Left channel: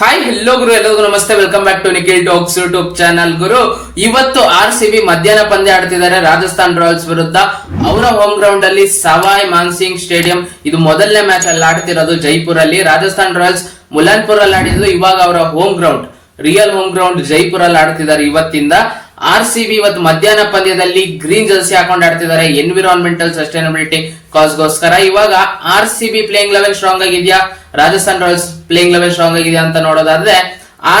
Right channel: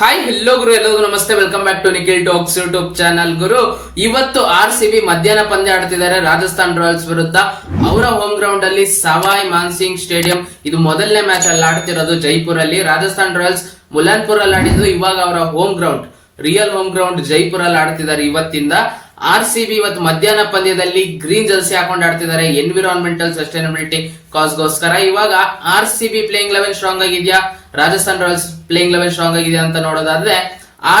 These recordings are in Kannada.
ಹಾಯ್ ಹೆಲ್ಲೋ ಗುರು, ಎಲ್ಲರಿಗೂ ನಮಸ್ತೆ. Welcome back to Nikhil talks YouTube channel. ಗುರು, ಇವತ್ತು RCB ಮಧ್ಯಾಹ್ನ ಪಂದ್ಯ ಆಡ್ತಿದ್ದಾರೆ ರಾಜಸ್ಥಾನ್ ರಾಯಲ್ಸ್ ವಿರುದ್ಧ. ಅವರ ಹೋಮ್ ಗ್ರೌಂಡ್ ಅಲ್ಲಿ ಸವಾಯ್ ಮಾನ್ಸಿಂಗ್ ಸ್ಟೇಡಿಯಂ. ಇದು ಮೊದಲನೇ ಮ್ಯಾಚ್ ಅಲ್ಲಿ ಆಡ್ತಿರೋದು ಜೈಪುರ್ ಅಲ್ಲಿ. ರಾಜಸ್ಥಾನ್ ರಾಯಲ್ಸ್ ಮುಲಾನ್ಪುರ್ ಅಲ್ಲಿ ಆಡಿದ್ರು. ಇವಾಗ ಅವರ home ground, real home ground Jaipur ಅಲ್ಲಿ ಆಡ್ತಿದ್ದಾರೆ ಇವತ್ತಿಂದ. RCB ಇವತ್ತು ಮಧ್ಯಾಹ್ನ ಪಂದ್ಯದಲ್ಲಿ ಗ್ರೀನ್ ಜರ್ಸಿ ಹಾಕೊಂಡು ಆಡ್ತಿದ್ದಾರೆ, ಎನ್ವಿರಾನ್ಮೆಂಟಲ್ ಸಸ್ಟೈನಬಿಲಿಟಿ ಕಾಸ್ಗೋಸ್ಕರ. ಇವಾಗ RCB ಪ್ಲೇಯಿಂಗ್ ಲೆವೆಲ್ ಸ್ಟ್ರಾಂಗ್ ಆಗಿದ್ಯಾ, Rajasthan Royals playing level strong ಆಗಿದೆಯಾ ಅಂತ ನೋಡೋದಾದ್ರೆ,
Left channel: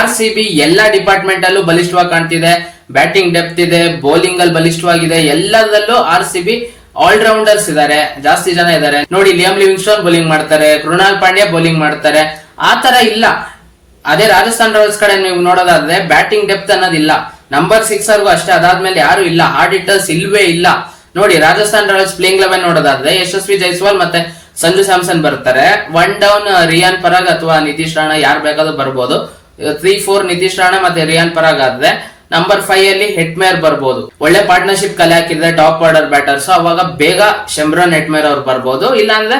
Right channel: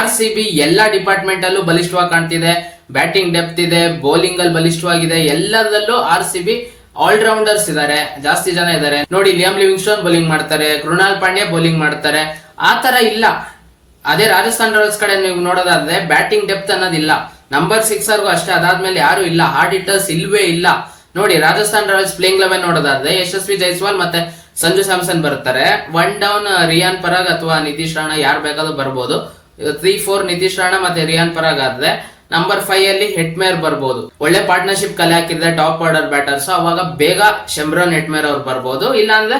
RCB ಎಲ್ಲಾ ಡಿಪಾರ್ಟ್ಮೆಂಟ್ ಅಲ್ಲೂ ಬಲಿಷ್ಠವಾಗಿ ಕಾಣ್ತಿದೆ. ಬ್ಯಾಟಿಂಗ್ ಡೆಪ್ತ್ ಇದೆ, ಬೌಲಿಂಗ್ ಅಲ್ಲಿ ಬಲಿಷ್ಠವಾಗಿದೆ. ಎಲ್ಲದಲ್ಲೂ RCB ಆಲ್ರೌಂಡರ್ಸ್ ಇದಾರೆ, ಜಾಸ್ತಿ ಜನ ಇದಾರೆ. ನೋಡಿ, ಲಿಯಾಮ್ ಲಿವಿಂಗ್ಸ್ಟೋನ್ ಬೌಲಿಂಗ್ ಮಾಡ್ತಾರೆ, ಕೃಣಾಲ್ ಪಾಂಡ್ಯ ಬೌಲಿಂಗ್ ಮಾಡ್ತಾರೆ. ಆ ತರ ಇಲ್ಲ. ಅದೇ ರಾಜಸ್ಥಾನ್ ರಾಯಲ್ಸ್ ಕಡೆ ನೀವು ನೋಡೋದಾದ್ರೆ ಬ್ಯಾಟಿಂಗ್ ಡೆಪ್ತ್ ಅನ್ನೋದಿಲ್ಲ. ನಂಬರ್ 6 ಅಷ್ಟೇ, ಅದಾದ್ಮೇಲೆ ಯಾರು ಇಲ್ಲ, ಹಾರ್ಡ್ ಹಿಟ್ಟರ್ಸ್ ಇಲ್ವೇ ಇಲ್ಲ. ನೋಡಿ, ರಾಜಸ್ಥಾನ್ ರಾಯಲ್ಸ್ ಪ್ಲೇಯಿಂಗ್ ಲೆವೆನ್ ನೋಡೋದಾದ್ರೆ ಯಶಸ್ವಿ ಜೈಸ್ವಾಲ್ ಮತ್ತೆ ಸಂಜು ಸ್ಯಾಮ್ಸನ್ ಬರ್ತಾರೆ. 1 ಡೌನ್ ರಿಯಾನ್ ಪರಾಗ್ ಅಥವಾ ನಿತೀಶ್ ರಾಣಾ, ಯಾರು ಬೇಕಾದ್ರೂ ಬರ್ಬೋದು. 3-4 ನಿತೀಶ್ ರಾಣಾ ಮತ್ತೆ ರಿಯಾನ್ ಪರಾಗ್ ಆದ್ರೆ ನಂಬರ್ 5 ಅಲ್ಲಿ ಹೆಟ್ಮೇರ್ ಬರ್ಬೋದು. ಒಳ್ಳೆ ಪಾರ್ಟ್ನರ್ಶಿಪ್ ಕಲೆ ಹಾಕಿದ್ರೆ ಟಾಪ್ ಆರ್ಡರ್ ಬ್ಯಾಟರ್ಸ್, ಅವಾಗ ಬೇಗ ಶೆಮ್ರಾನ್ ಹೆಟ್ಮೇರ್ ಅವ್ರು ಬರ್ಬೋದು. ಇಲ್ಲಾಂದ್ರೆ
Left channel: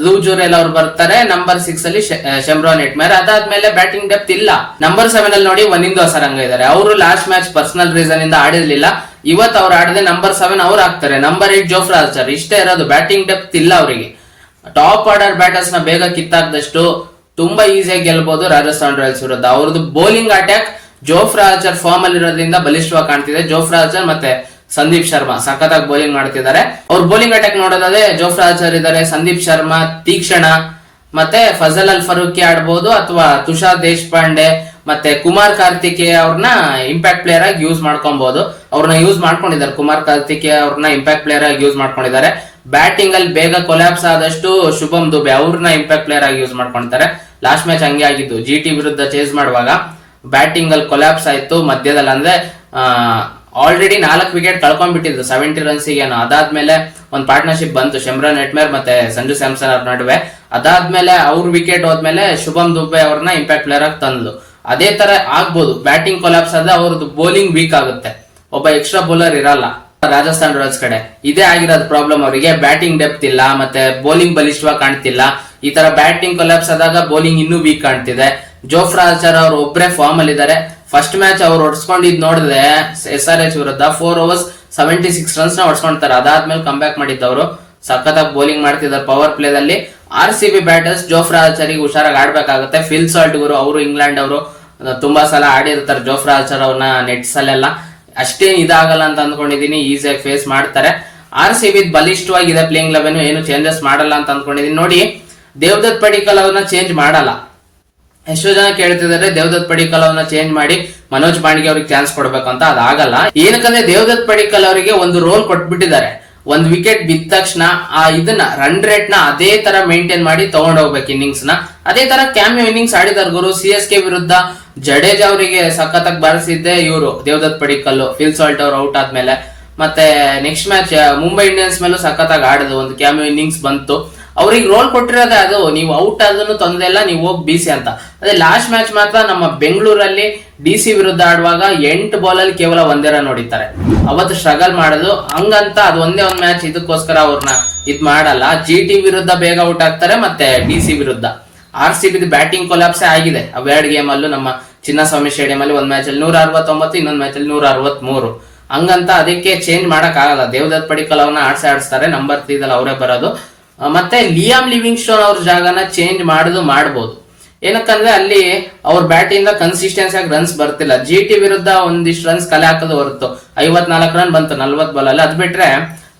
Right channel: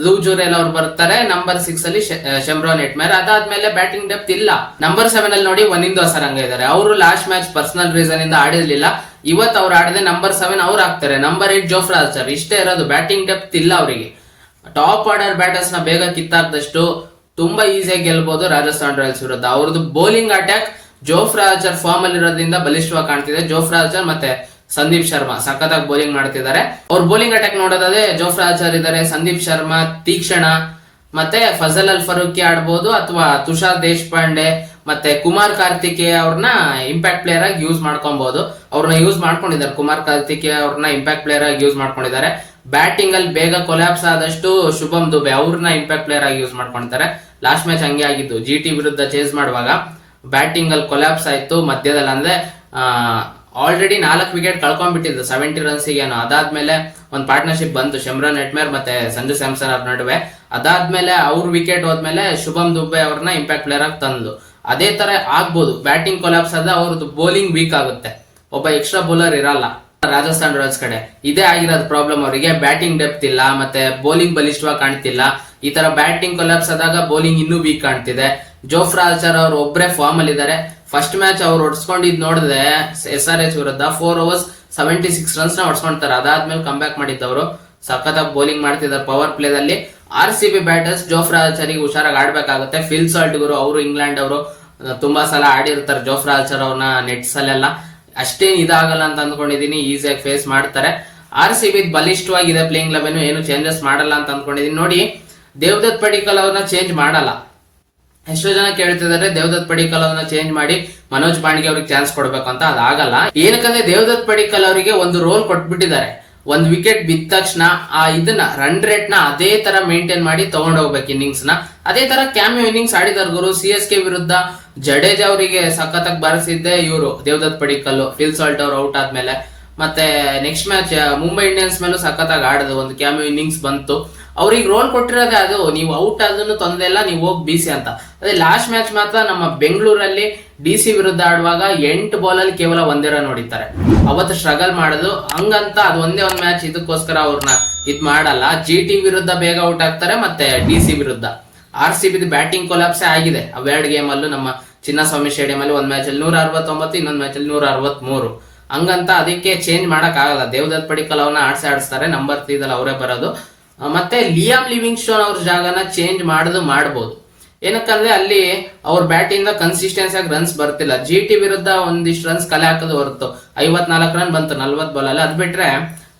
ಧ್ರುವ್ ಜುರೇಲ್ ಅವ್ರು ಬರ್ತಾರೆ. ನಂಬರ್ 6 ಅಲ್ಲಿ ಶೆಮ್ರಾನ್ ಹೆಟ್ಮೇರ್. ಅದಾದ್ಮೇಲೆ ಬ್ಯಾಟಿಂಗ್ ಡೆಪ್ತ್ ಇಲ್ಲ. ನಂಬರ್ 7 ಅಲ್ಲಿ ನೋಡಿ ವನಿಂದು ಅಸರಂಗ ಇದ್ದಾರೆ. ಅವರು ಲಾಸ್ಟ್ ಮ್ಯಾಚ್ ಪರ್ಸನಲ್ ರೀಸನ್ ಇಂದ ಆಡಿರ್ಲಿಲ್ಲ. ಇವತ್ತು ಅವ್ರು ಆಡದೆ ನಂಬರ್ 7 ಅವ್ರು ಆಗ್ತಾರೆ. Number 8 Jofra archer. ಇಷ್ಟೇ ಇರೋದು, ಬ್ಯಾಟಿಂಗ್ ಡೆಪ್ತ್ ಇಲ್ಲ ಅವರಿಗೆ. ಟಾಪ್ ಆರ್ಡರ್ ಬ್ಯಾಟರ್ಸ್ ನ ಬೇಗ ಕಿತ್ತಾಕ್ದಷ್ಟು ತುಂಬಾ ಈಸಿಯಾಗಿ ಗೆಲ್ಬಹುದು ರಾಜಸ್ಥಾನ್ ರಾಯಲ್ಸ್ ವಿರುದ್ಧ. ಅವ್ರದ್ದು bowling attack Jofra Archer form ಅಲ್ಲಿ ಇರೋದ್ರಿಂದ ಬಲಿಷ್ಠವಾಗಿ ಕಾಣ್ತಿದೆ. ಜೋಫ್ರಾ ಆರ್ಚರ್ ಮತ್ತೆ ಸಂದೀಪ್ ಶರ್ಮಾ ಸಖತ್ತಾಗಿ ಬೌಲಿಂಗ್ ಮಾಡ್ತಿದ್ದಾರೆ. ಅವ್ರ ಬೌಲಿಂಗ್ ಅಟ್ಯಾಕ್ ನೋಡೋದಾದ್ರೆ ಜೋಫ್ರಾ ಆರ್ಚರ್ ಇದ್ದಾರೆ, ಸಂದೀಪ್ ಶರ್ಮಾ, ತೀಕ್ಷಣ ಮತ್ತೆ ಫಜಲ್ ಅಲ್ ಫರೂಕಿ ಆಡ್ಬೋದು, ಅಥವಾ ತುಷಾರ್ ದೇಶಪಾಂಡೆ ಮತ್ತೆ ಕುಮಾರ್ ಕಾರ್ತಿಕೇಯ ಅವ್ರನ್ನ ಇಂಪ್ಯಾಕ್ಟ್ ಪ್ಲೇಯರ್ ಆಗಿ ಯೂಸ್ ಮಾಡ್ಕೊಬಹುದು. ಅವ್ರನ್ನ ಯೂಸ್ ಮಾಡ್ಕೊಂಡಿದ್ದಾರೆ. ಕುಮಾರ್ ಕಾರ್ತಿಕೇಯ ಅವ್ರನ್ನ ಇಂಪ್ಯಾಕ್ಟ್ ಪ್ಲೇಯರ್ ಆಗಿ ಯೂಸ್ ಮಾಡ್ಕೊಂಡಿದ್ದಾರೆ. ಬ್ಯಾಟಿಂಗ್ ಅಲ್ಲಿ ಬೇಗ ಕೊಲ್ಯಾಪ್ಸ್ ಆದಷ್ಟು ಶುಭಮ್ ದುಬೆ ಅವ್ರನ್ನ ಇಂಪ್ಯಾಕ್ಟ್ ಪ್ಲೇಯರ್ ಆಗಿ ಯೂಸ್ ಮಾಡ್ಕೊಂತಾರೆ. ಲಾಸ್ಟ್ ಮ್ಯಾಚ್ ಹಂಗೆ ಆಗಿದ್ದು. GT ವಿರುದ್ಧ ಚೇಸ್ ಮಾಡುವಾಗ ಬ್ಯಾಟಿಂಗ್ ಅಲ್ಲಿ ಕೊಲ್ಯಾಪ್ಸ್ ಆಯ್ತು ಮಧ್ಯದಲ್ಲಿ. ಅಂದ್ರೆ ಆಲ್ರೆಡಿ 4 ವಿಕೆಟ್ ಕಳ್ಕೊಂಡ್ಬಿಟ್ಟಿದ್ರು 70 ರನ್ಸಿಗೆ. ಅದಾದ್ಮೇಲೆ ಒಂದು ಪಾರ್ಟ್ನರ್ಶಿಪ್ ಬಂತು ಶೆಮ್ರಾನ್ ಹೆಟ್ಮೇರ್ ಮತ್ತೆ ಸಂಜು ಸ್ಯಾಮ್ಸನ್ ಅವ್ರ ನಡುವೆ. ಅದಾದ್ಮೇಲೆ ಅವ್ರ ವಿಕೆಟ್ ಹೋದ್ಮೇಲೆ ಶುಭಮ್ ದುಬೆ ಅವ್ರನ್ನ ಇಂಪ್ಯಾಕ್ಟ್ ಪ್ಲೇಯರ್ ಆಗಿ ತಂದು. ಅದೇ ತರ ಆಗ್ಬೋದು. ಬ್ಯಾಟಿಂಗ್ ಕೊಲ್ಯಾಪ್ಸ್ ಆದ್ರೆ ಅವ್ರದ್ದು ಬೌಲಿಂಗ್ ವೀಕ್ ಆಗುತ್ತೆ, ಒಬ್ಬ ಎಕ್ಸ್ಟ್ರಾ ಬೌಲರ್ ಇರಲ್ಲ ರಾಜಸ್ಥಾನ್ ರಾಯಲ್ಸ್ ಕಡೆ. ಇದೇ ಆಗಿರೋದು ಪ್ರಾಬ್ಲಮ್ ಅವರಿಗೆ. ಬ್ಯಾಟಿಂಗ್ ಡೆಪ್ತ್ ಇಲ್ಲ, ಮತ್ತೆ ಬೌಲಿಂಗ್ ಬಲಿಷ್ಠವಾಗಿ ಕಾಣ್ತಿಲ್ಲ. ಈ ತರ ಬ್ಯಾಟಿಂಗ್ ಕೊಲ್ಯಾಪ್ಸ್ ಆದಾಗ ಬೌಲಿಂಗ್ ಇನ್ನೂ ವೀಕ್ ಕಾಣ್ತಿದೆ. ಜೋಫ್ರಾ ಆರ್ಚರ್ ಅವ್ರು ಒಬ್ಬರೇ ಫಾರ್ಮ್ ಅಲ್ಲಿ ಇದ್ದಾರೆ. ಫಸ್ಟ್ ಮ್ಯಾಚ್ ಅವ್ರು ಹೊಡ್ಸ್ಕೊಂಡಿದ್ ನೋಡಿದ್ರೆ SRH ವಿರುದ್ಧ 4 overs 76 ರನ್ಸ್ ನ ಹೊಡ್ಸ್ಕೊಂತಾರೆ. ಅದಾದ್ಮೇಲೆ ಕಮ್ ಬ್ಯಾಕ್ ಮಾಡಿದ್ದವರು ಸಖತ್ತಾಗಿ ಬೌಲಿಂಗ್ ಮಾಡ್ತಿದ್ದಾರೆ ಪವರ್ ಪ್ಲೇದಲ್ಲಿ. RCB ಬ್ಯಾಟರ್ಸ್ ಜೋಫ್ರಾ ಆರ್ಚರ್ಗೆ ಹುಷಾರಾಗಿ ಆಡ್ಬೇಕಾಗುತ್ತೆ. ಫಿಲ್ ಸಾಲ್ಟ್ ಗುರು, ಅವರು ಇಂಗ್ಲೆಂಡ್ ಅವರು ತುಂಬಾ ಸಲ ಆಡಿರ್ತಾರೆ ಜೋಫ್ರಾ ಆರ್ಚರ್ ಅವ್ರನ್ನ ನೆಟ್ಸ್ ಅಲ್ಲೆಲ್ಲ. ಅಷ್ಟೇನ್ ಇದಾಗಲ್ಲ ಅಂತ ಅಂದ್ಕೊಂಡಿದೀನಿ, ಈಸಿಯಾಗಿ ಫೇಸ್ ಮಾಡ್ತಾರೆ. RCB ಬಲಿಷ್ಠವಾಗಿದೆ ಪ್ಲೇಯಿಂಗ್ ಲೆವೆನ್, ಏನು ಚೇಂಜಸ್ ಮಾಡಲ್ಲ ಅಂತ ಅಂದ್ಕೊಂಡಿದೀನಿ. ನೋಡಿ, ದೇವದತ್ ಪಡಿಕ್ಕಲ್ ಅವ್ರನ್ನ ಚೇಂಜ್ ಮಾಡಲ್ಲ. ಎಷ್ಟೋ ಜನ ಕೇಳ್ತಿದ್ದಾರೆ ದೇವದತ್ ಪಡಿಕ್ಕಲ್ ಅವ್ರನ್ನ ಚೇಂಜ್ ಮಾಡಿ ಮನೋಜ್ ಪಾಂಡ್ಗೆ ಅವ್ರಿಗೆ ಚಾನ್ಸ್ ಕೊಡ್ಬೇಕಂತ. ಅದಾಗಲ್ಲ. ಏನಕ್ಕಂದ್ರೆ ದೇವದತ್ ಪಡಿಕ್ಕಲ್ ಅವರಿಗೆ ಒಂದು ರೋಲ್ ಕೊಟ್ಬಿಟ್ಟಿದ್ದಾರೆ. ಒಂದ್ ವಿಕೆಟ್ ಬಿದ್ದ ತಕ್ಷಣ ಇದನ್ನ ರನ್ ರೇಟ್ ನ ಅದೇ ತರ ಮೇಂಟೈನ್ ಮಾಡಿ ತಗೊಂಡ್ ಹೋಗ್ಬೇಕು ಇನ್ನಿಂಗ್ಸ್ ನ. ಅದೇ ತರ ಕ್ಯಾಮಿಯೋ ಇನ್ನಿಂಗ್ಸ್ ಆಡಿದಾರೆ ಗುರು. CSK ವಿರುದ್ಧ ಜಡೇಜಾ ಅವರಿಗೆ ಸಖತ್ತಾಗಿ ಬಾರಿಸಿದ್ದೆ ಇವರು ದೇವದತ್ ಪಡಿಕ್ಕಲ್. ಫಿಲ್ ಸಾಲ್ಟ್ ಅವ್ರು ಔಟ್ ಆದ್ಮೇಲೆ. ಮತ್ತೆ ನೆಕ್ಸ್ಟ್ ಮ್ಯಾಚ್ ಮುಂಬೈ ಇಂಡಿಯನ್ಸ್ ಮೇಲೂ ಸಖತ್ತಾಗಿ ಆಡಿದ್ರು, ಒಂದು ಕ್ಯಾಮಿಯೋ ಇನ್ನಿಂಗ್ಸ್ ಬಂತು. ಅವ್ರಿಗೆ ರೋಲ್ ಕೊಟ್ಟಿರೋದೇ ಅದು, ನೀವು ಔಟ್ ಆದ್ರೂ ತೊಂದರೆ ಇಲ್ಲ, ನೀವು ಹೋಗಿ ಬೀಸಿ ಅಂತ. ಅದೇ ಲಾಸ್ಟ್ ಮ್ಯಾಚ್ ಮಾತ್ರ ನಮ್ಮ ಬೆಂಗಳೂರಲ್ಲಿ DC ವಿರುದ್ಧ ಆಡುವಾಗ 8 ಬಾಲ್ ಅಲ್ಲಿ ಕೇವಲ 1 ರನ್ ಹೊಡಿತಾರೆ. ಅವತ್ತು ಸ್ಟ್ರಗಲ್ ಮಾಡೋದು ಹಂಗಂತ ಅದು ಒಂದೇ ಒಂದು ಮ್ಯಾಚ್ ಇದಕ್ಕೋಸ್ಕರ ಅವ್ರನ್ನ ಇದ್ ಮಾಡಲ್ಲ. GT ವಿರುದ್ಧ ಬೇಗ ಔಟ್ ಆಗ್ತಾರೆ, ಮತ್ತೆ DC ವಿರುದ್ಧ. RCB ಬ್ಯಾಟಿಂಗ್ ಕೊಲಾಪ್ಸೆ ಆಗಿದೆ. ಅವೆರಡು ಗೇಮ್ ಅಲ್ಲೂ ನಮ್ಮ ಚಿನ್ನಸ್ವಾಮಿ ಸ್ಟೇಡಿಯಂ ಅಲ್ಲಿ ಒಂದ್ ಮ್ಯಾಚ್ ಅಲ್ಲಿ 169, ಇನ್ನೊಂದ್ ಮ್ಯಾಚ್ ಅಲ್ಲಿ 163. ಹಂಗಂತ ಅದಕ್ಕೆ ಚೇಂಜ್ ಮಾಡಕ್ ಆಗಲ್ಲ. ದೇವದತ್ ಪಡಿಕ್ಕಲ್ ಅವ್ರನ್ನ ಆಡಿಸ್ತಾರೆ. ನಂಬರ್ 3 ಅವರೇ ಬರೋದು. ಮತ್ತೆ ಲಿಯಾಮ್ ಲಿವಿಂಗ್ಸ್ಟೋನ್ ಅವ್ರ ಜಾಗನ ಚೇಂಜ್ ಮಾಡಬಹುದು. ಏನಕ್ಕಂದ್ರೆ ಅಲ್ಲಿ ಅವ್ರ ಬ್ಯಾಟ್ ಇಂದ ಕನ್ಸಿಸ್ಟೆನ್ಸಿ ಆಗಿ ರನ್ಸ್ ಬರ್ತಿಲ್ಲ. GT ವಿರುದ್ಧ ಒಂದಿಷ್ಟು ರನ್ಸ್ ಕಲೆ ಹಾಕೋದು ಹೊರತು 54 ರನ್ ಬಂತು 40 ಬಾಲ್ ಅಲ್ಲಿ. ಅದ್ ಬಿಟ್ರೆ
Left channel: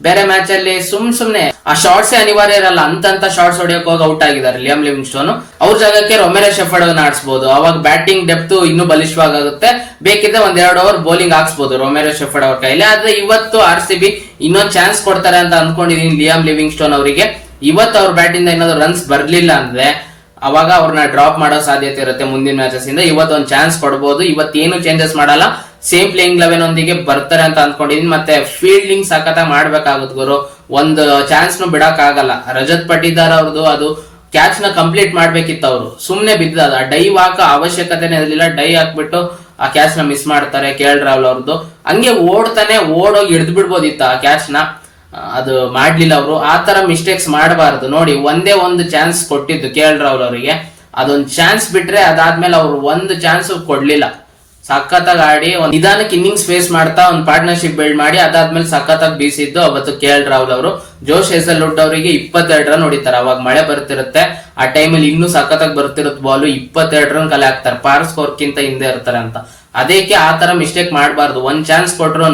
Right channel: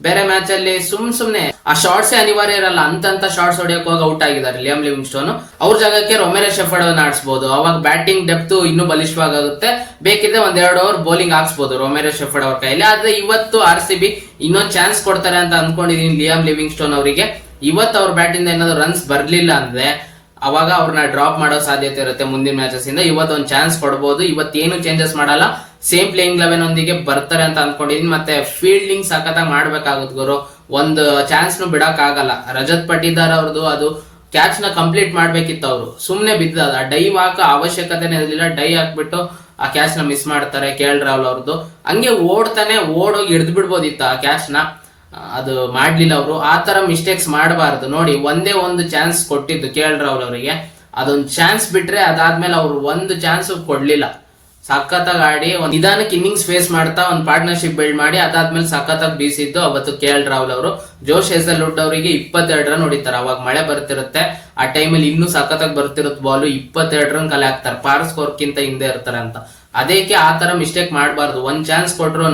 ಬೇರೆ ಮ್ಯಾಚ್ ಅಲ್ಲಿ ಸುಮ್ನೆ ಆ ಶಾರ್ಟ್ಸ್ ಅನಿವಾರ್ಯ ಇರಲ್ಲ. ಅಂತ ಶಾರ್ಟ್ಸ್ ಹೊಡಿಯೋಕೆ ಹೋಗಿ ಔಟ್ ಆಗಿದ್ದಾರೆ ಲಿಯಾಮ್ ಲಿವಿಂಗ್ಸ್ಟೋನ್. ಅವ್ರ ಜಾಗಕ್ಕೆ ರೊಮೆರೋ ಶೆಫರ್ಡ್ ಅನ್ನ ಆಡಿಸಬಹುದು. ಅವಾಗ ಬ್ಯಾಟಿಂಗ್ ಡೆಪ್ತ್ ಇನ್ನೂ ಬಲಿಷ್ಠವಾಗುತ್ತೆ. ಬೇಕಿದ್ರೆ 1-2 ಓವರ್ ಬೌಲಿಂಗ್ ಹಾಕ್ಸ್ಬಹುದು ರೊಮೆರೋ ಶೆಫರ್ಡ್ ಅವ್ರ ಕೈಲಿ. ಆದ್ರೆ ಇವತ್ತು RCB ಇನ್ನೊಂದು ಚಾನ್ಸ್ ಕೊಡ್ತಾರೆ ಅಂತ ಅನ್ಕೊಂಡಿದೀನಿ ಲಿಯಾಮ್ ಲಿವಿಂಗ್ಸ್ಟೋನ್ ಅವರಿಗೆ. ಇವತ್ತು ಅವ್ರ ಬ್ಯಾಟ್ ಇಂದ ಏನಾದ್ರು ರನ್ಸ್ ಬರ್ಲಿಲ್ಲ ಅಂದ್ರೆ ಅವಾಗ ಅವ್ರನ್ನ ಡ್ರಾಪ್ ಮಾಡೋ ಸಾಧ್ಯತೆ ಇರುತ್ತೆ ಮುಂದಿನ ಮ್ಯಾಚಸ್ ಇಂದ. ಇವತ್ತು ಒಂದು ಚಾನ್ಸ್ ಕೊಡಬಹುದು. ಇವತ್ತೇನು ಚೇಂಜಸ್ ಮಾಡಲ್ಲ, ಸೇಮ್ ಪ್ಲೇಯಿಂಗ್ ಲೆವೆನ್ ಒಂದಿಗೆ ಬರ್ತಾರೆ ಅಂತ ಅನ್ಕೊಂಡಿದೀನಿ. ಮತ್ತೆ ಫೀಲ್ಡಿಂಗ್ ಸಖತ್ತಾಗಿ ಮಾಡ್ಬೇಕಾಗುತ್ತೆ ಗುರು. ಒಂದು ಚಾನ್ಸ್ ನು ಬಿಡಕ್ ಆಗಲ್ಲ. ರಜತ್ ಪಟಿದಾರ್ ಅವ್ರದ್ದು ಅದು ಕ್ಯಾಚ್ ನ ಕಂಪ್ಲೀಟ್ ಮಾಡ್ಬೇಕಿತ್ತು. ಅವರು ಸುಮ್ನೆ ಬಿದ್ದದ, ಡೈವ್ ಹಾಕೋ ಅವಶ್ಯಕತೆನೇ ಇರಲಿಲ್ಲ. ಡೈ ಹಾಕ್ಬಿಟ್ಟು ಆ ಕ್ಯಾಚ್ ನ ಮಿಸ್ ಮಾಡ್ತಾರೆ. KL ರಾಹುಲ್ ಅವ್ರದ್ದು ಹಂಗೆ ಓಡೋಗಿ ಹಿಡಿದು ಬಿಡ್ಬೋದಿತ್ತು ಆ ಕ್ಯಾಚ್ ನ. ಅದು ಮಾಡ್ಲಿಲ್ಲ ಅವರು. ಆ ತರ ಮಿಸ್ಟೇಕ್ಸ್ ಮಾಡಬಾರದು. ನೋಡಿ, ಒಂದೇ ಒಂದು ಚಾನ್ಸ್ ಕೊಟ್ಟಿದ್ದು KL ರಾಹುಲ್ ಅವರಿಗೆ, ಅದೊಂದು ಚಾನ್ಸ್ ಬಿಟ್ರೆ ಅದಾದ್ಮೇಲೆ ಅವ್ರು ಒಂದು ಚಾನ್ಸ್ ಕೊಡ್ಲಿಲ್ಲ. ಸಖತ್ತಾಗಿ ಆಡಿ ಒಂದ್ ನಿಧಾನಕ್ಕೆ ಇನ್ನಿಂಗ್ಸ್ ಫೇಸ್ ಮಾಡ್ತಾ ಒಂದು ಪಾರ್ಟ್ನರ್ಶಿಪ್ ಬಿಲ್ಡ್ ಮಾಡಿ ಅದಾದ್ಮೇಲೆ ಸಖತ್ತಾಗಿ ಬೀಸಿದ್ದು ಅವತ್ತು KL ರಾಹುಲ್ ಅವರು. ಜೋಶ್ ಹೇಸಲ್ವುಡ್ ಅವರಿಗೆ 22 ರನ್ ಹೊಡಿತಾರೆ. ಅವಾಗ ಮಳೆ ಬರ್ತಿರುತ್ತೆ, ಆ ಟೈಮಲ್ಲಿ ಇನ್ನೂ ಸಖತ್ತಾಗಿ ಬರ್ತಿರುತ್ತೆ ಬಾಲ್, 22 ರನ್ ಕಲೆ ಹಾಕ್ತಾರೆ, ಪಾರ್ ಸ್ಕೋರ್ ಕಿಂತ ಹಿಂದೆ ಇರ್ತಾರೆ ಅಂತ. ಅದಕ್ಕೆ ಆ ತರ ಮಿಸ್ಟೇಕ್ ಮಾಡಬಾರ್ದು. ಒಂದ್ ಚಾನ್ಸ್ ಕೊಟ್ರು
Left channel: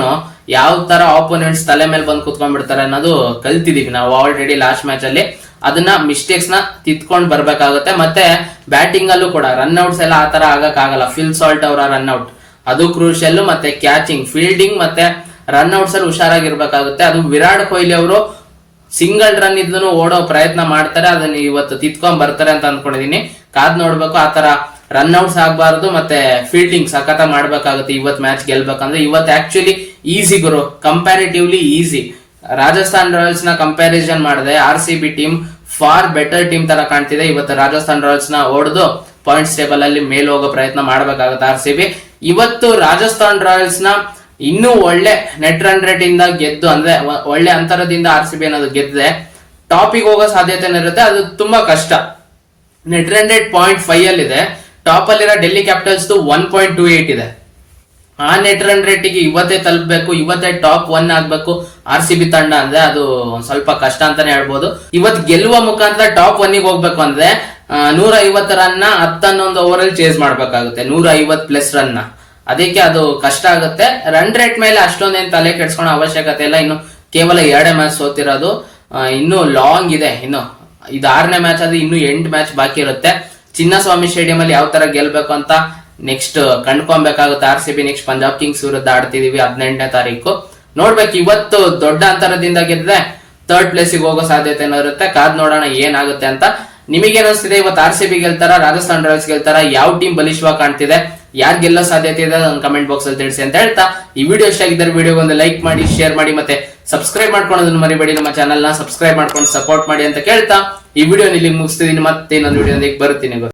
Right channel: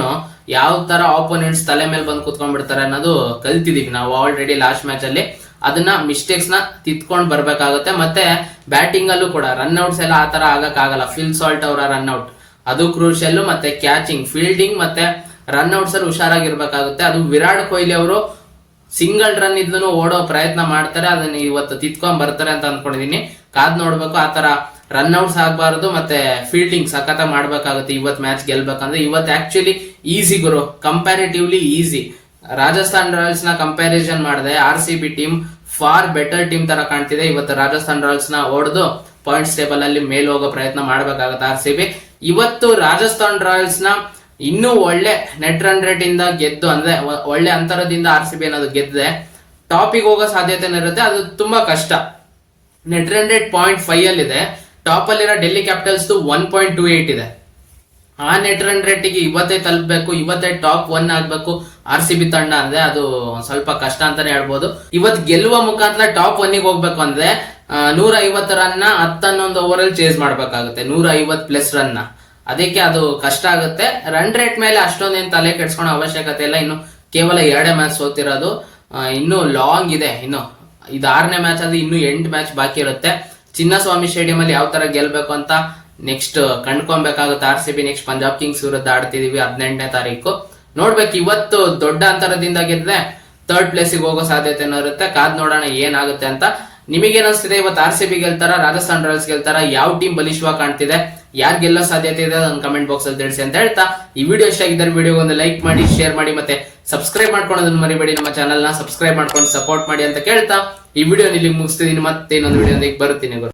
ಯಾವ ತರ ಆಪೋನೆಂಟ್ಸ್ ತಲೆ ಮೇಲೆ ಬಂದು ಕುತ್ಕೊಂಡ್ಬಿಡ್ತಾರೆ ಅನ್ನೋದು ಕಲ್ತಿದೀವಿ ನಾವು ಆಲ್ರೆಡಿ ಲಾಸ್ಟ್ ಮ್ಯಾಚ್ ಅಲ್ಲಿ. ಅದನ್ನ ಮಿಸ್ಟೇಕ್ಸ್ ನ ತಿದ್ಕೊಂಡ್ ಬರ್ಬೇಕಾಗುತ್ತೆ. ಮತ್ತೆ ಬ್ಯಾಟಿಂಗ್ ಅಲ್ಲೂ ಕೂಡ ರನ್ ಔಟ್ಸ್ ಎಲ್ಲ ಆತರ ಆಗಕ್ ಆಗಲ್ಲ. ಫಿಲ್ ಸಾಲ್ಟ್ ಅವರ ರನ್ ಔಟ್ ಅದು ಕ್ರೂಷಿಯಲ್, ಮತ್ತೆ ಕ್ಯಾಚಿಂಗ್, ಫೀಲ್ಡಿಂಗ್ ಮತ್ತೆ ರನ್ ಔಟ್ಸ್ ಅಲ್ಲಿ ಹುಷಾರಾಗಿರ್ಬೇಕಾಗುತ್ತೆ. ಅದು ವಿರಾಟ್ ಕೊಹ್ಲಿ ಅವರು ಸಿಂಗಲ್ ರನ್ ಇದ್ನು ಓಡೋ ಪ್ರಯತ್ನ ಮಾಡ್ತಾರೆ, ಅದನ್ನ ಇವತ್ತು ತಿದ್ಕೊಂಡ್ ಬರ್ತಾರೆ ಅಂತ ಅನ್ಕೊಂಡಿದೀನಿ. ಕಾದ್ ನೋಡ್ಬೇಕು. ಆತರ ರನ್ ಔಟ್ಸ್ ಆಗ್ಬಾರ್ದು, ಮತ್ತೆ ಫೀಲ್ಡಿಂಗ್ ಸಖತ ಮಾಡ್ಬೇಕಾಗುತ್ತೆ ಇವತ್ ಮ್ಯಾಚ್ ಗೆಲ್ಬೇಕಂದ್ರೆ. ಇವತ್ತು ಆಕ್ಚುಲಿ ಈಸಿ ಗುರು, ಕಂಪ್ಯಾರಿಟಿವ್ಲಿ ಈಸಿ. ರಾಜಸ್ಥಾನ್ ರಾಯಲ್ಸ್ ನ ಕಂಪ್ಯಾರಿಸನ್ ಮಾಡಿದೆ RCB team for better team ತರ ಕಾಣ್ತಿದೆ. ಇವತ್ತು ರಾಜಸ್ಥಾನ್ ರಾಯಲ್ಸ್ ನ ಹೊಡೆದು ಪಾಯಿಂಟ್ಸ್ ಟೇಬಲ್ ಅಲ್ಲಿ ಮೇಲ್ ಹೋಗೋ ಪ್ರಯತ್ನ ಮಾಡ್ಬೇಕಾಗುತ್ತೆ RCB. ಇವತ್ತು ರಾಜಸ್ಥಾನ್ ರಾಯಲ್ಸ್ ನ ಇನ್ನೂ ಒಳ್ಳೆ ನೆಟ್ ರನ್ ರೇಟ್ ಇಂದ ಗೆದ್ದು, ಅಂದ್ರೆ ಒಳ್ಳೆ ಅಂತರದಿಂದ RCB ಅನ್ನೋದು ಗೆದ್ದೆ ಟಾಪಿಗೆ ಹೋಗೋ ಸಾಧ್ಯತೆ ಇರುತ್ತೆ. ಅದು ತುಂಬಾ ಕಷ್ಟ. ನೆಟ್ ರನ್ ರೇಟ್ 0.5 ಅಲ್ಲಿ ಇದೆ. ಟಾಪ್ ಅಲ್ಲಿರೋ ಡೆಲ್ಲಿ ಕ್ಯಾಪಿಟಲ್ಸ್ 1.28 ಇದೆ. ಆ ನೆಟ್ ರನ್ ರೇಟಿಗೆ ಇವತ್ತೇ ತಲುಪಬೇಕು, ಇವತ್ತೇ ಟಾಪ್ 1 ಆಗ್ಬೇಕು RCB ತಂಡ ಅಂದ್ರೆ ಅದು ಸ್ವಲ್ಪ ಕಷ್ಟ ಅಂತಾನೆ ಹೇಳ್ಬೋದು. ಇವತ್ತು ಗೆಲ್ಲುವ ಮುಖಾಂತರ ಟಾಪ್ 1 ಗೆ ಹೋಗ್ಬೇಕು ಅಂದ್ರೆ 150 ರನ್ ನ 11 ಓವರ್ ಅಲ್ಲಿ ಚೇಸ್ ಮಾಡ್ಬೇಕಾಗುತ್ತೆ, 150+ ರನ್ ನ. ಅದಕ್ಕೆ ಅದು ಕಷ್ಟ ಆಗುತ್ತೆ. ರನ್ ರೇಟ್ ಮೇಲೆ ಅಷ್ಟೊಂದೇನು ತಲೆ ಕೆಡ್ಸ್ಕೊಳೋ ಅವಶ್ಯಕತೆ ಇಲ್ಲ. ಇನ್ನು ಕೇವಲ 2 ಮ್ಯಾಚ್ ಸೋತಿರೋದು, ಇನ್ನು ಲಾಂಗ್ ಇದೆ. ಇನ್ನು ಇದು 6ನೇ ಮ್ಯಾಚ್, ಅದು ಇನ್ನು 8 ಮ್ಯಾಚ್ ಬಾಕಿ ಇರುತ್ತೆ. ಚಿನ್ನಸ್ವಾಮಿ ಸ್ಟೇಡಿಯಂ ಅಲ್ಲಿ ಯಾವ ತರ ಗೆಲ್ಬೇಕು ಅಂತ ನೆಕ್ಸ್ಟ್ ಕಂಡ್ಕೊಬೇಕಾಗುತ್ತೆ. RCB ನೆಕ್ಸ್ಟ್ ಪಂಜಾಬ್ ಕಿಂಗ್ಸ್ ವಿರುದ್ಧ ಆಡ್ತಿದೀವಿ 18ನೇ ತಾರೀಕು. ನೋಡ್ಬೇಕು. ಇವತ್ತು ದೊಡ್ಡ ಅಂತರದಿಂದ ಗೆದ್ರೆ 3rd ಪ್ಲೇಸಿಗೆ ಹೋಗೋ ಸಾಧ್ಯತೆ ಇರುತ್ತೆ. ಕಾದ್ ನೋಡೋಣ ಏನಾಗುತ್ತೆ ಅಂತ. ನಿಮಗೆ ಅನಿಸ್ತಿದೆ ಇವತ್ತು RCB ಗೆಲ್ತಾರ, ರಾಜಸ್ಥಾನ್ ರಾಯಲ್ಸ್ ಗೆಲ್ತಾರ, ಯಾವ ಟೀಮ್ ಬಲಿಷ್ಠವಾಗಿ ಕಾಣ್ತಿದೆ, ಯಾರು ಗೆಲ್ಲೋ ಸಾಧ್ಯತೆ ಇದೆ ಅದನ್ನ ಕಮೆಂಟ್ ಬಾಕ್ಸ್ ಅಲ್ಲಿ ತಿಳಿಸಿ ಅಂತ ಹೇಳ್ತಾ, ಈ ವಿಡಿಯೋ ಇಷ್ಟ ಆಗಿದ್ದರೆ ವಿಡಿಯೋ ಒಂದು ಲೈಕ್ ಮಾಡಿ, ಶೇರ್ ಮಾಡಿ, ಮತ್ತೆ ಸಬ್ಸ್ಕ್ರೈಬ್ ಮಾಡ್ಕೊಳ್ಳೋದನ್ನ ಮರಿಬೇಡಿ. ನಮ್ಮ ಚಾನಲ್ ನ ಸಬ್ಸ್ಕ್ರೈಬ್ ಮಾಡ್ಕೊಂಡು ಸಪೋರ್ಟ್ ಮಾಡಿ ಅಂತ ಕೇಳ್ತಾ ಈ ವಿಡಿಯೋ ಇಲ್ಲಿ ಮುಗಿಸ್ತಿದೀನಿ. ಮತ್ತೆ ಇನ್ನೊಂದು ವಿಡಿಯೋ ಬರ್ತೀನಿ.